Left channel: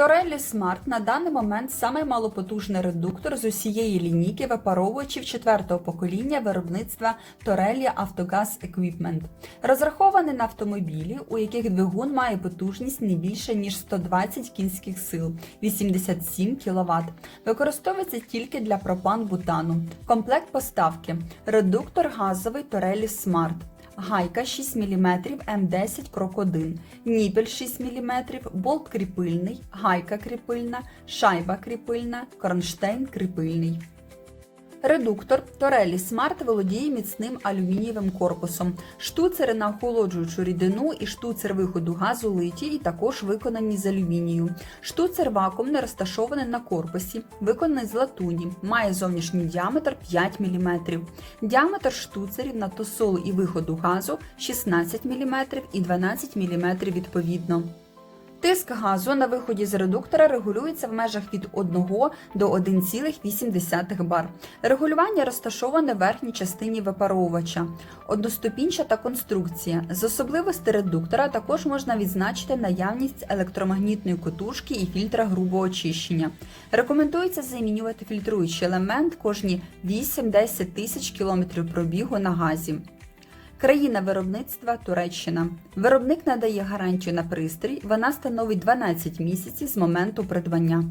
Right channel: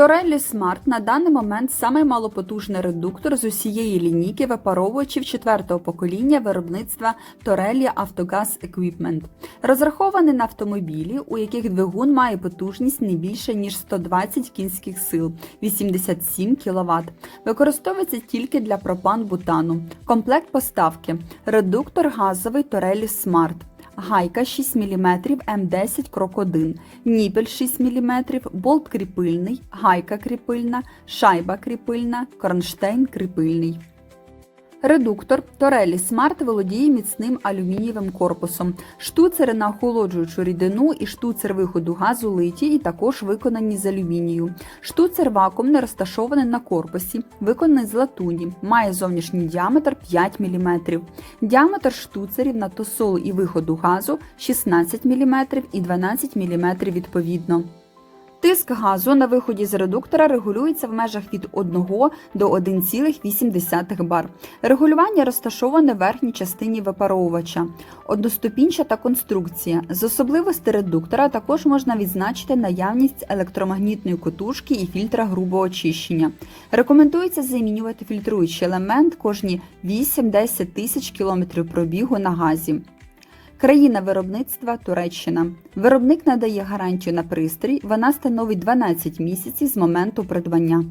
Torelli Smart на даний момент самий малопотужний редуктор з усієї лінійки випаровувачів четвертого покоління виробництва Torelli Автогаз Equipment. Розрахований на автомобілі, у яких двигун має потужність не більше ніж 120 кінських сил 87 кВт. Використовується тільки для пропан-бутану. Комплект поставки. Редуктор газовий Torelli Smart. Гайка 6 мм М10 крок 1, ніпель 6 мм, болт кріпильний, гайка кріпильна, шайба кріпильна, кронштейн кріпильний. Редуктор Torelli Smart володіє міцним алюмінієвим корпусом. Штуцери на охолоджуючу рідину і штуцер виходу газу литі і також виконані з алюмінію. Штуцер вакуумний розташований на корпусі, виконаний з латуні, має зовнішній діаметр 5 мм. Діаметр штуцерів на тосолу і виходу газу 16 мм і 12 мм відповідно. Тиск газу на виході з редуктора регулюється в межах від 1 до 1,8 бар. Регулювання розташоване в верхній частині випаровувача. Одноступінчата конструкція. З особливостей редуктора також можна відзначити наявність електромагнітної котушки і фільтра грубого очищення. Рекомендується замінювати фільтруючий елемент кожні 8-10 тисяч кілометрів пробігу на газі. Країна виробництва Туреччина. Виробник надає гарантію на пристрій. Вона становить 12 місяців з моменту придбання.